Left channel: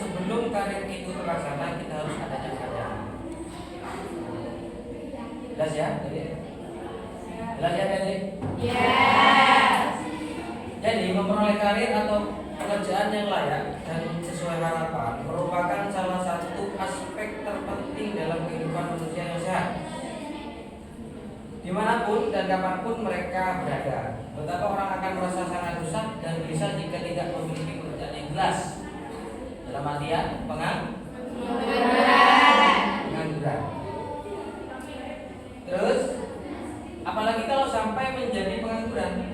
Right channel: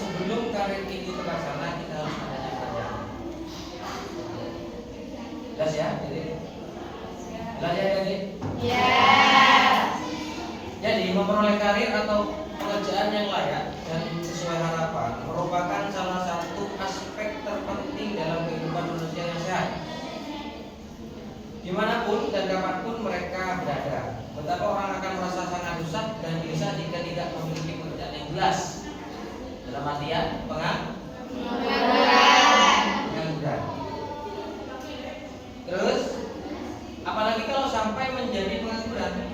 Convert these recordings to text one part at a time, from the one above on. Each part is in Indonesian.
sebelum karir itu terlaksana kita harus adanya kerjaan. Jelas ya, jadi jelas ya, jadi. Yes. Jadi memperoleh karir atau pekerjaan yang layak dan sesuai harapan merupakan salah satu aspek terpenting dalam kehidupan manusia yang sehat. Dimanapun dan kapanpun mereka berada, betapa orang akan merasa sangat rusak dan gelisah jika tidak memiliki pekerjaan yang jelas. Dalam artian pengangguran. Terus, apalagi kalau sampai menjadi pengangguran.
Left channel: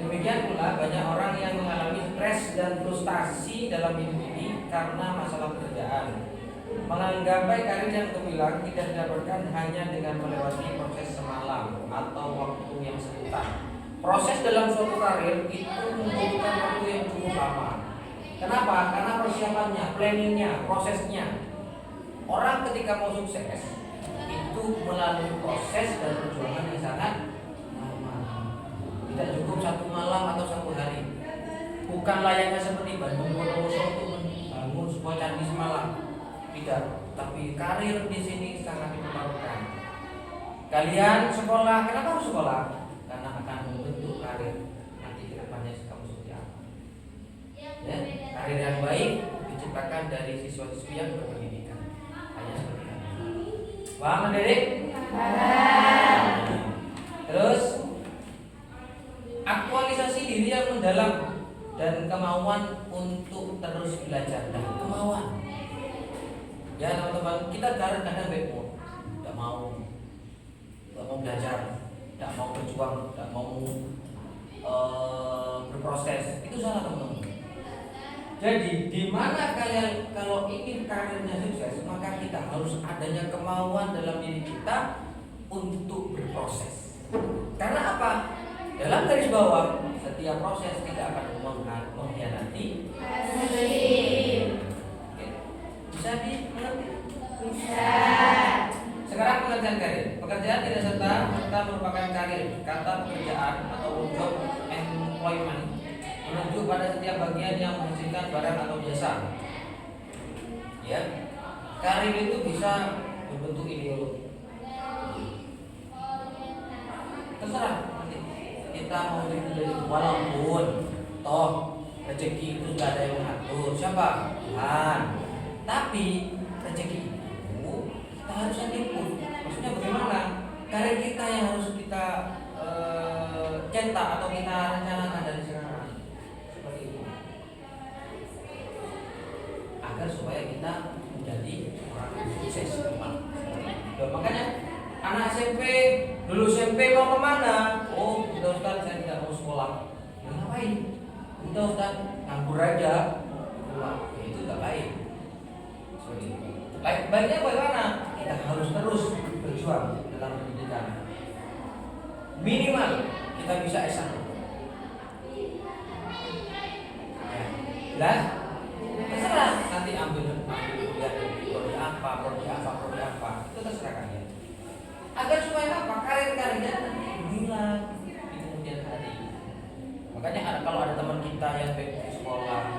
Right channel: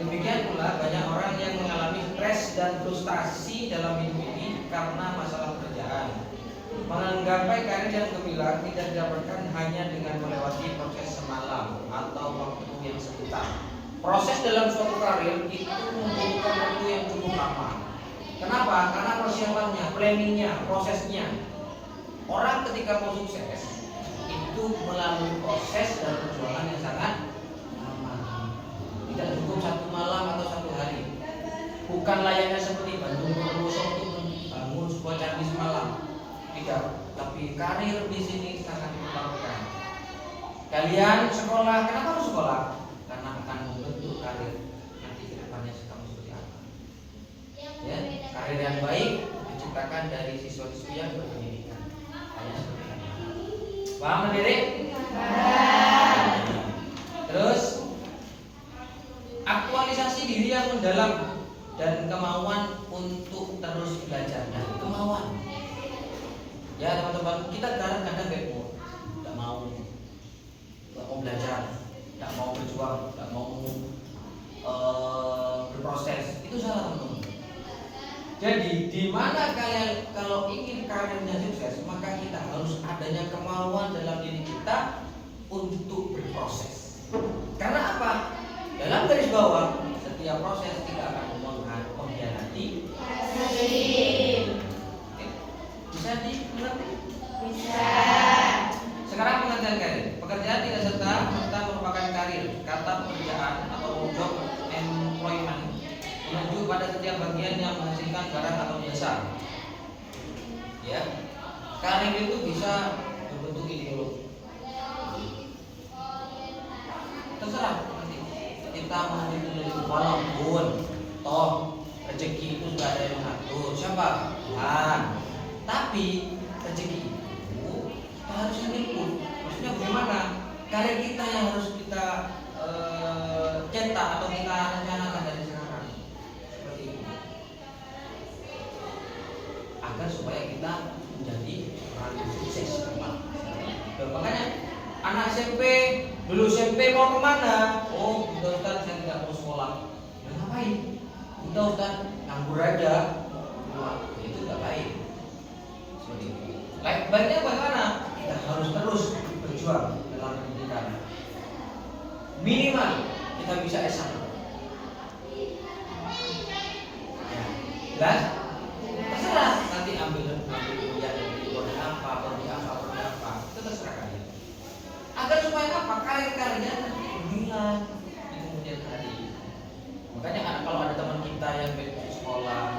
Demikian pula banyak orang yang mengalami stres dan frustasi dalam hidup ini karena masalah pekerjaan. Menggapai karir yang gemilang tidak didapatkan hanya dengan melewati proses semalam atau waktu yang sebentar. Proses dalam suatu karir itu membutuhkan waktu yang cukup lama. Kenapa? Karena persiapannya, planningnya, prosesnya. Orang ketika mau sukses itu melalui proses dan perjuangan yang sangat lama. Tidak cukup satu malam atau satu hari. Bukan layaknya seperti Bandung Bondowoso untuk membangun sebuah candi semalam. Tidak, tapi karir di sini sangat diperlukan. Kalian sekolah, kenapa harus sekolah? Karena akan membentuk karir nanti ke depannya kamu seperti apa. Ya, karir yang baik diciptakan dari siswa-siswi yang berpendidikan. Hanya seperti itu. Paham, Adik? Terus aktualisasi diri yang mendalam dan kemauan untuk terus belajar dan kemauan. Ya teman-teman, kita kadang-kadang tidak mau belajar, tidak mau berjuang, tidak mau berproses. Itu salah teman-teman. Jadi di mana kalian kalau ingin karirnya sukses, maka kita harus adanya kemauan dalam diri kita untuk berproses. Karena apa? Dalam garis bawah, setiap proses tidak akan mengkhianati hasil. Bisa dimengerti? Bisa. Sekarang pengertian karir. Pekerjaan tidak serta merupakan karir. Kata pekerjaan atau job employment menunjuk pada setiap bagian yang menghasilkan barang atau jasa. Ya, karir itu bisa berbentuk ideologi. Terserah kita mau itu walaupun toh rezeki itu sudah ada yang mengatur. Siapa? Tuhan. Tapi rezeki itu kita harus ikut. Maksudnya bagaimana? Karir kita yang harus kita cetak atau kita rencanakan dari sekarang. Seperti itu. Agar supaya kita menjadi orang yang sukses depan. Makanya anak SMP dulu SMP mau kemana? Oh, udah Ustaz saya tidak mau sekolah. Ya ngapain? Udah Ustaz nganggur aja. Wah, itu tidak baik. Baiknya bagaimana? Kita harus terus berjuang dalam pendidikan. Minimal kita bisa S1. Jelas? Terserah nanti ambil kuliah prodi apa. Itu terserah kalian. Agar supaya apa? Karir-karirnya nanti berguna di kemudian hari. Makanya kalau ada teman kita yang baik sekolah,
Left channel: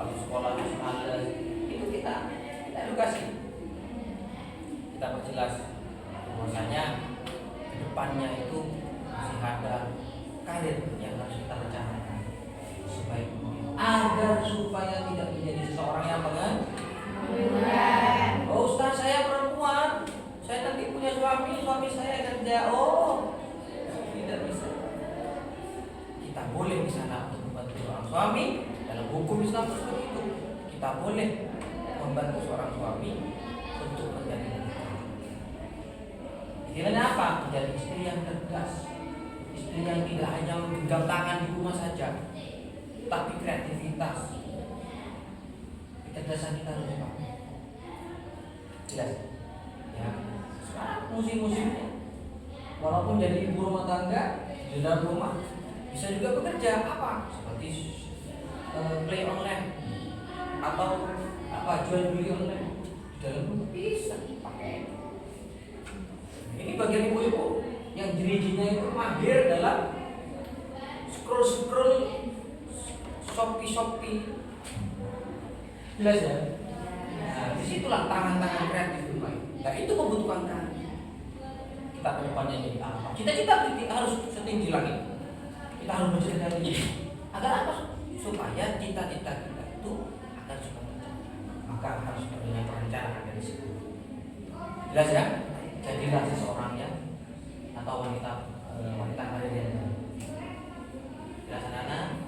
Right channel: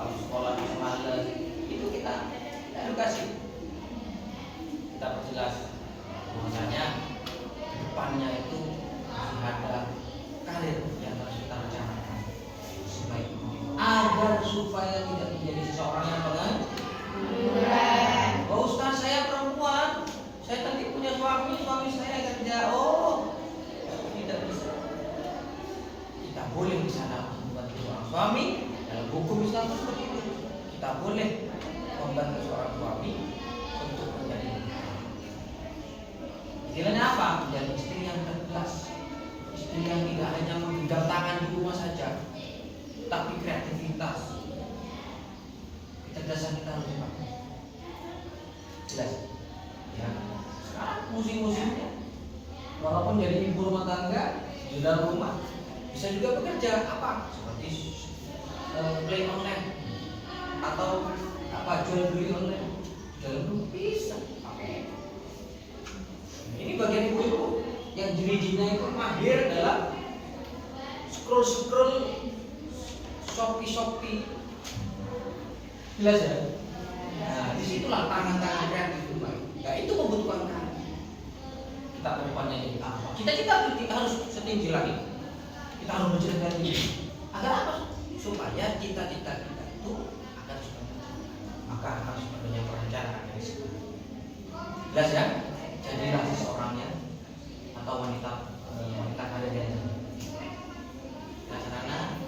kalau sekolah itu malas, itu kita edukasi, kita perjelas bahwasanya di depannya itu masih ada karir yang harus kita rencanakan sebaik mungkin agar supaya tidak menjadi seseorang yang pengangguran. Oh Ustaz saya perempuan, saya nanti punya suami saya kerja. Oh tidak bisa. Kita boleh di sana membantu seorang suami dalam hukum Islam seperti itu. Kita boleh membantu seorang suami untuk menjadi istilahnya apa? Menjadi istri yang cerdas, istri yang tidak hanya menggenggam tangan di rumah saja, tapi kreativitas, kecerdasan kita harus dipakai. Jelas? Ya. Sekarang musim-musimnya, walaupun jadi ibu rumah tangga di dalam rumah, bisa juga bekerja apa? Seperti play online atau jual beli online dalam rumah bisa pakai. Ini bagian ibu-ibu yang jeli-jelinya itu mahir dalam scroll Shopee Jelas ya? Nah, disitulah tangan-tangan kreatif dimulai. Nah, itu membutuhkan kan. Kita ke depannya jadi apa? Kita harus setinggi langit. Kita harus menceritakan ini. Agar apa? Supaya cita-cita kita itu akan tercapai. Maka harus punya perencanaan dari situ. Jelas ya? Jadilah seseorang yang atau wanita karir yang jelas anak.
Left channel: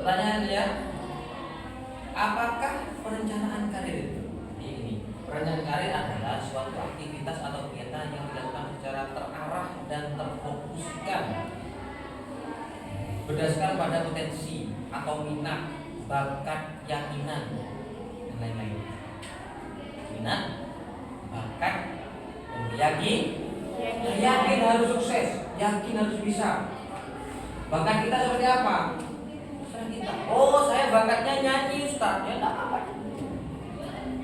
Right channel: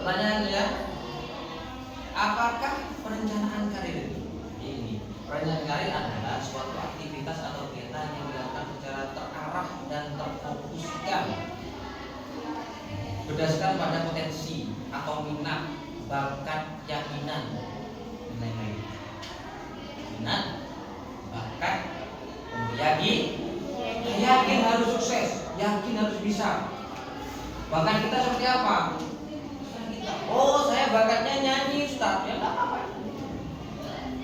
Pertanyaan ya, apakah perencanaan karir itu? Ini perencanaan karir adalah suatu aktivitas atau kegiatan yang dilakukan secara terarah dan terfokuskan berdasarkan pada potensi atau minat, bakat, keyakinan dan lain-lain. Minat, bakat, dan yakin harus sukses, yakin harus bisa. Bakat kita seperti apa? Oh, saya bakatnya nyanyi, Ustaz. Ya enggak apa-apa.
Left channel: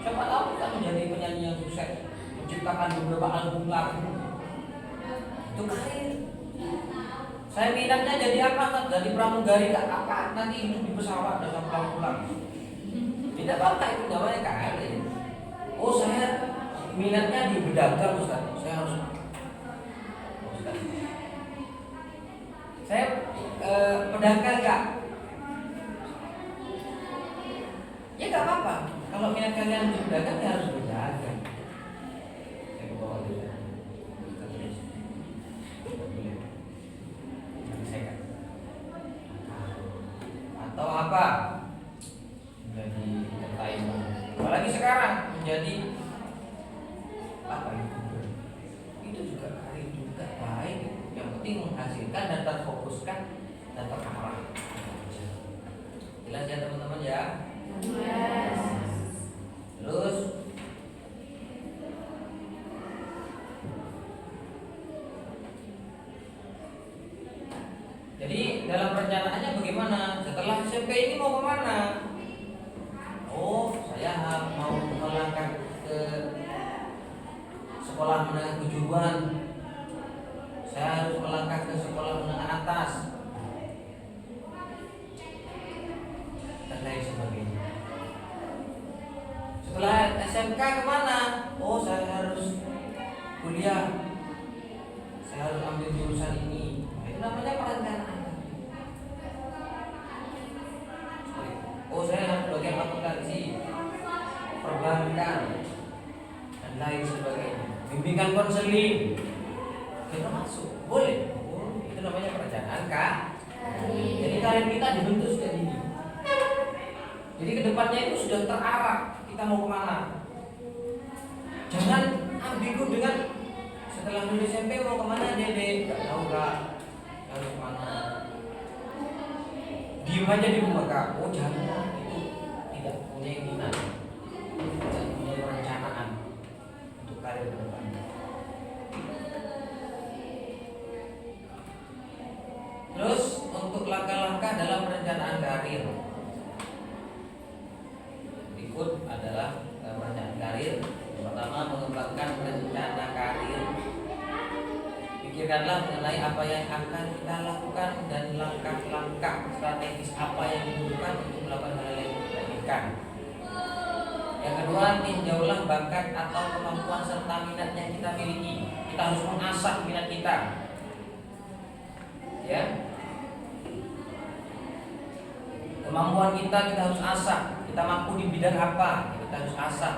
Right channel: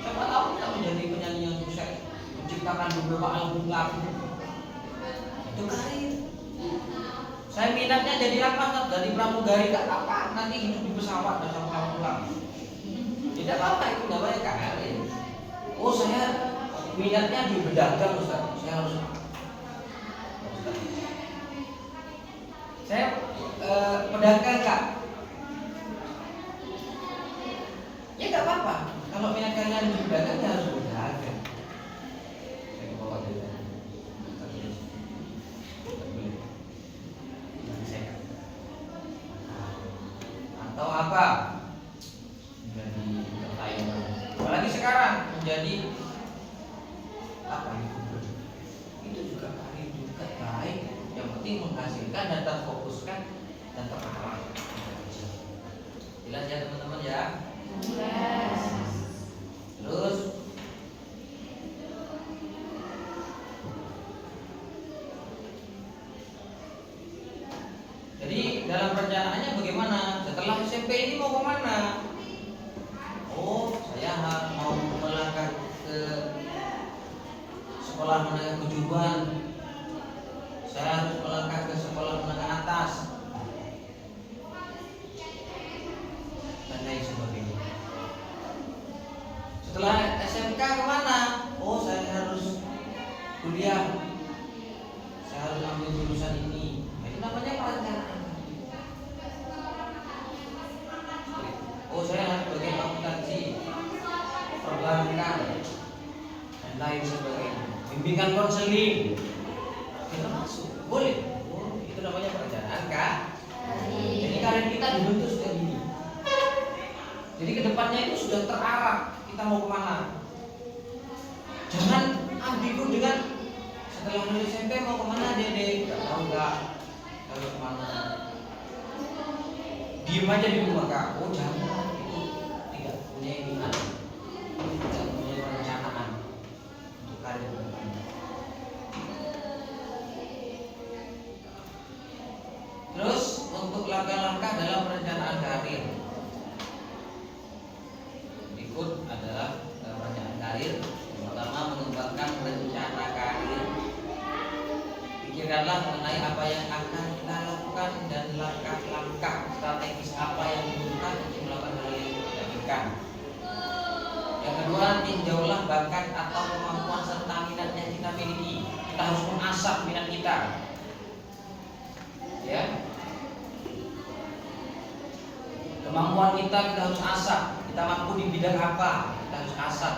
Siapa tahu kita menjadi penyanyi yang sukses, menciptakan beberapa album lagu. Itu karir. Saya minatnya jadi apa? Jadi pramugari, enggak apa-apa. Nanti hidup di pesawat dan sampai pulang. Tidak apa-apa, itu namanya karir. Oh, saya minatnya di berdagang, Ustaz. Saya harus pedagang enggak? Ya nggak apa-apa. Kalau minat kalian di pedagang ya harus berdagang. Saya bawa dari atau apa? Menjadi entertainer. Apalagi sekarang menjadi apa itu? Itu juga karir juga baik. Yang penting menghasilkan dan terfokuskan dan terarah. Jelas ya teman-teman ya. Terus jadi dalam perencanaannya bagaimana? Setelah SMP ini mau kemana? Oh, saya mau melangkah ke sekolah menengah kejuruan. Saya harus melangkah ke sekolah menengah atas dan lain sebagainya. Setelah SMK kemana? Oh, saya harus kuliah. Saya harus ambil jurusan ini. Itu namanya perencanaan. Oh, saya harus belajar akuntansi, perbankan, dan lain sebagainya. Bimbingan konseling. Kita masuk, boleh. Oh, itu namanya perencanaan, Kak. Jadi karir kita dibentuk sejak ini. Jadi kedepannya itu sudah terarah. Kita mau kemana? Jangan ambigu dengan setelah lulus SMP mau kemana, Dede? Gak tahu Kak. Harus kemana? Diem aja di rumah Kak. Oh jangan, itu tidak punya minat, tidak punya perencanaan untuk karir kedepannya. Terus untuk langkah-langkah dalam perencanaan karir. Berikut adalah perencanaan karir. Yang pertama, mengembangkan rencana karir. Pikirkanlah mengenai apa yang akan kita lakukan dan langkah-langkah strategis apa yang dibutuhkan untuk melakukan hal yang kita inginkan. Yang kedua, tinjaulah bakat atau kemampuan serta minat yang kita miliki. Kita harus mengasah minat kita. Ya, kemampuan kita harus asah. Kita mampu di bidang apa, kita harus asah.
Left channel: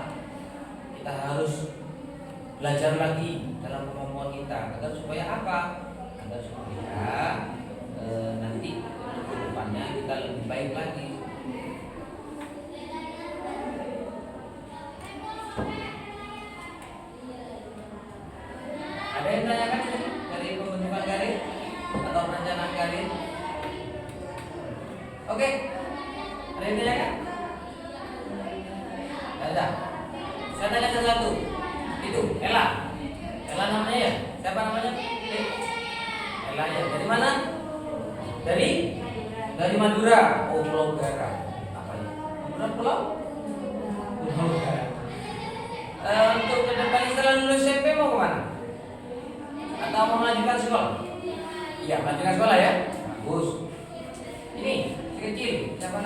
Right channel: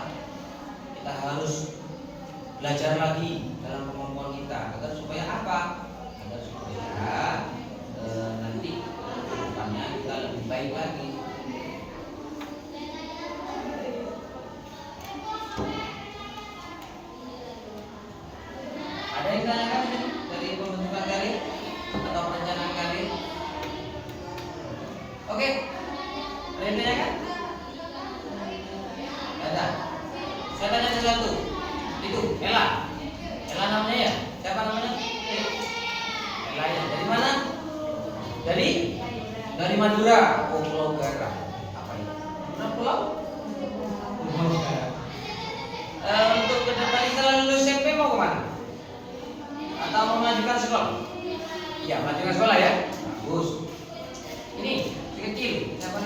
Kita harus belajar lagi dalam kemampuan kita agar supaya apa? Agar supaya nanti ke depannya kita lebih baik lagi. Ada yang tanyakan dari pembentukan karir atau perencanaan karir? Oke, ada yang tanyakan? Ada. Saya tanya sesuatu. Itu Ella. Ella namanya ya? Siapa namanya? Ella ya. Dari mana? Dari Madura. Oh, Pulau Garam. Apa ya? Mana pulau? Untuk ke depan setelah lulus SMP mau kemana? Atau mau melanjutkan sekolah? Iya, melanjutkan sekolah ya. Bagus. Ini si kecil. Siapa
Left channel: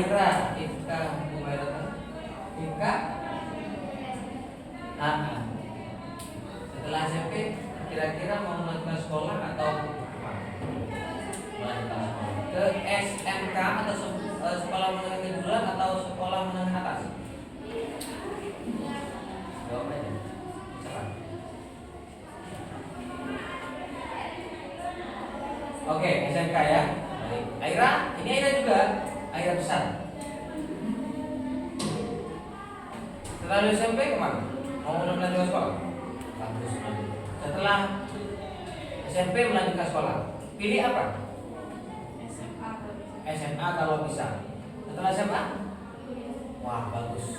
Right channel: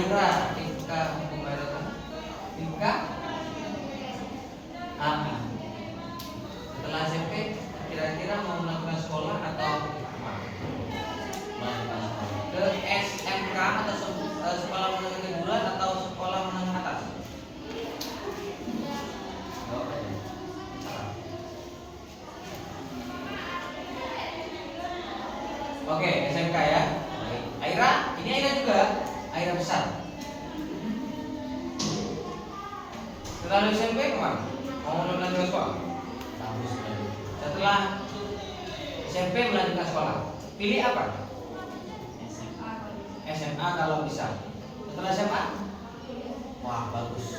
Aira, Ika, Ika, setelah SMP kira-kira mau melanjutkan sekolah atau melanjutkan sekolah ke SMK atau sekolah menengah kejuruan atau sekolah menengah atas? Jawabannya salah. Oke, SMK ya. Baik. Aira, ini Aira juga. Aira besar. Setelah SMP kemana? Mau melanjutkan sekolah? Bagus. Setelah SMP melanjutkan sekolah, pilih apa? SMA kalau bisa. Setelah SMA? Wah, bagus.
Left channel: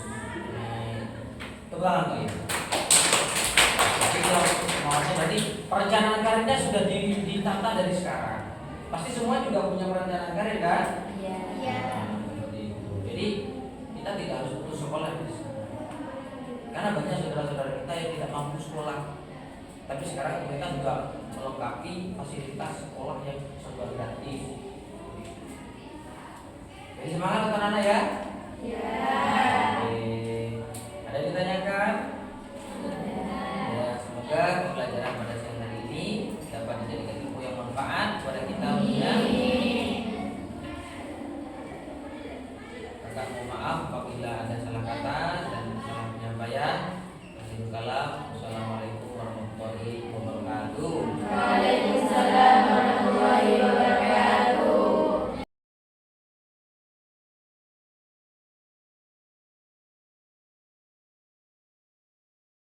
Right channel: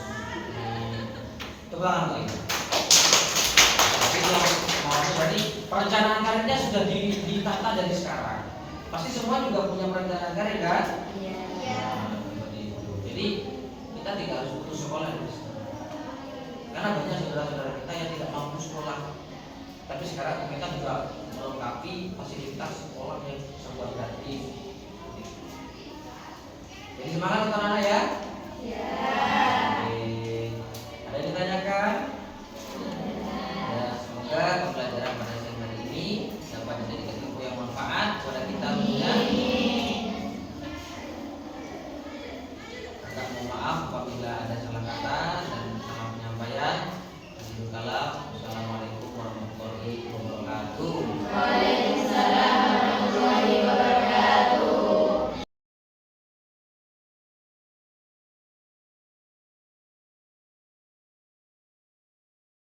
Coba lagi. Jadi perencanaan karirnya sudah ditata dari sekarang. Pasti semua juga punya perencanaan karir kan? Iya. Jadi kita tidak harus putus sekolah, guys. Karena banyak saudara-saudara kita yang tidak mampu sekolah. Tapi sekarang pemerintah juga melengkapi fasilitas sekolah yang serba gratis. Jadi semangat untuk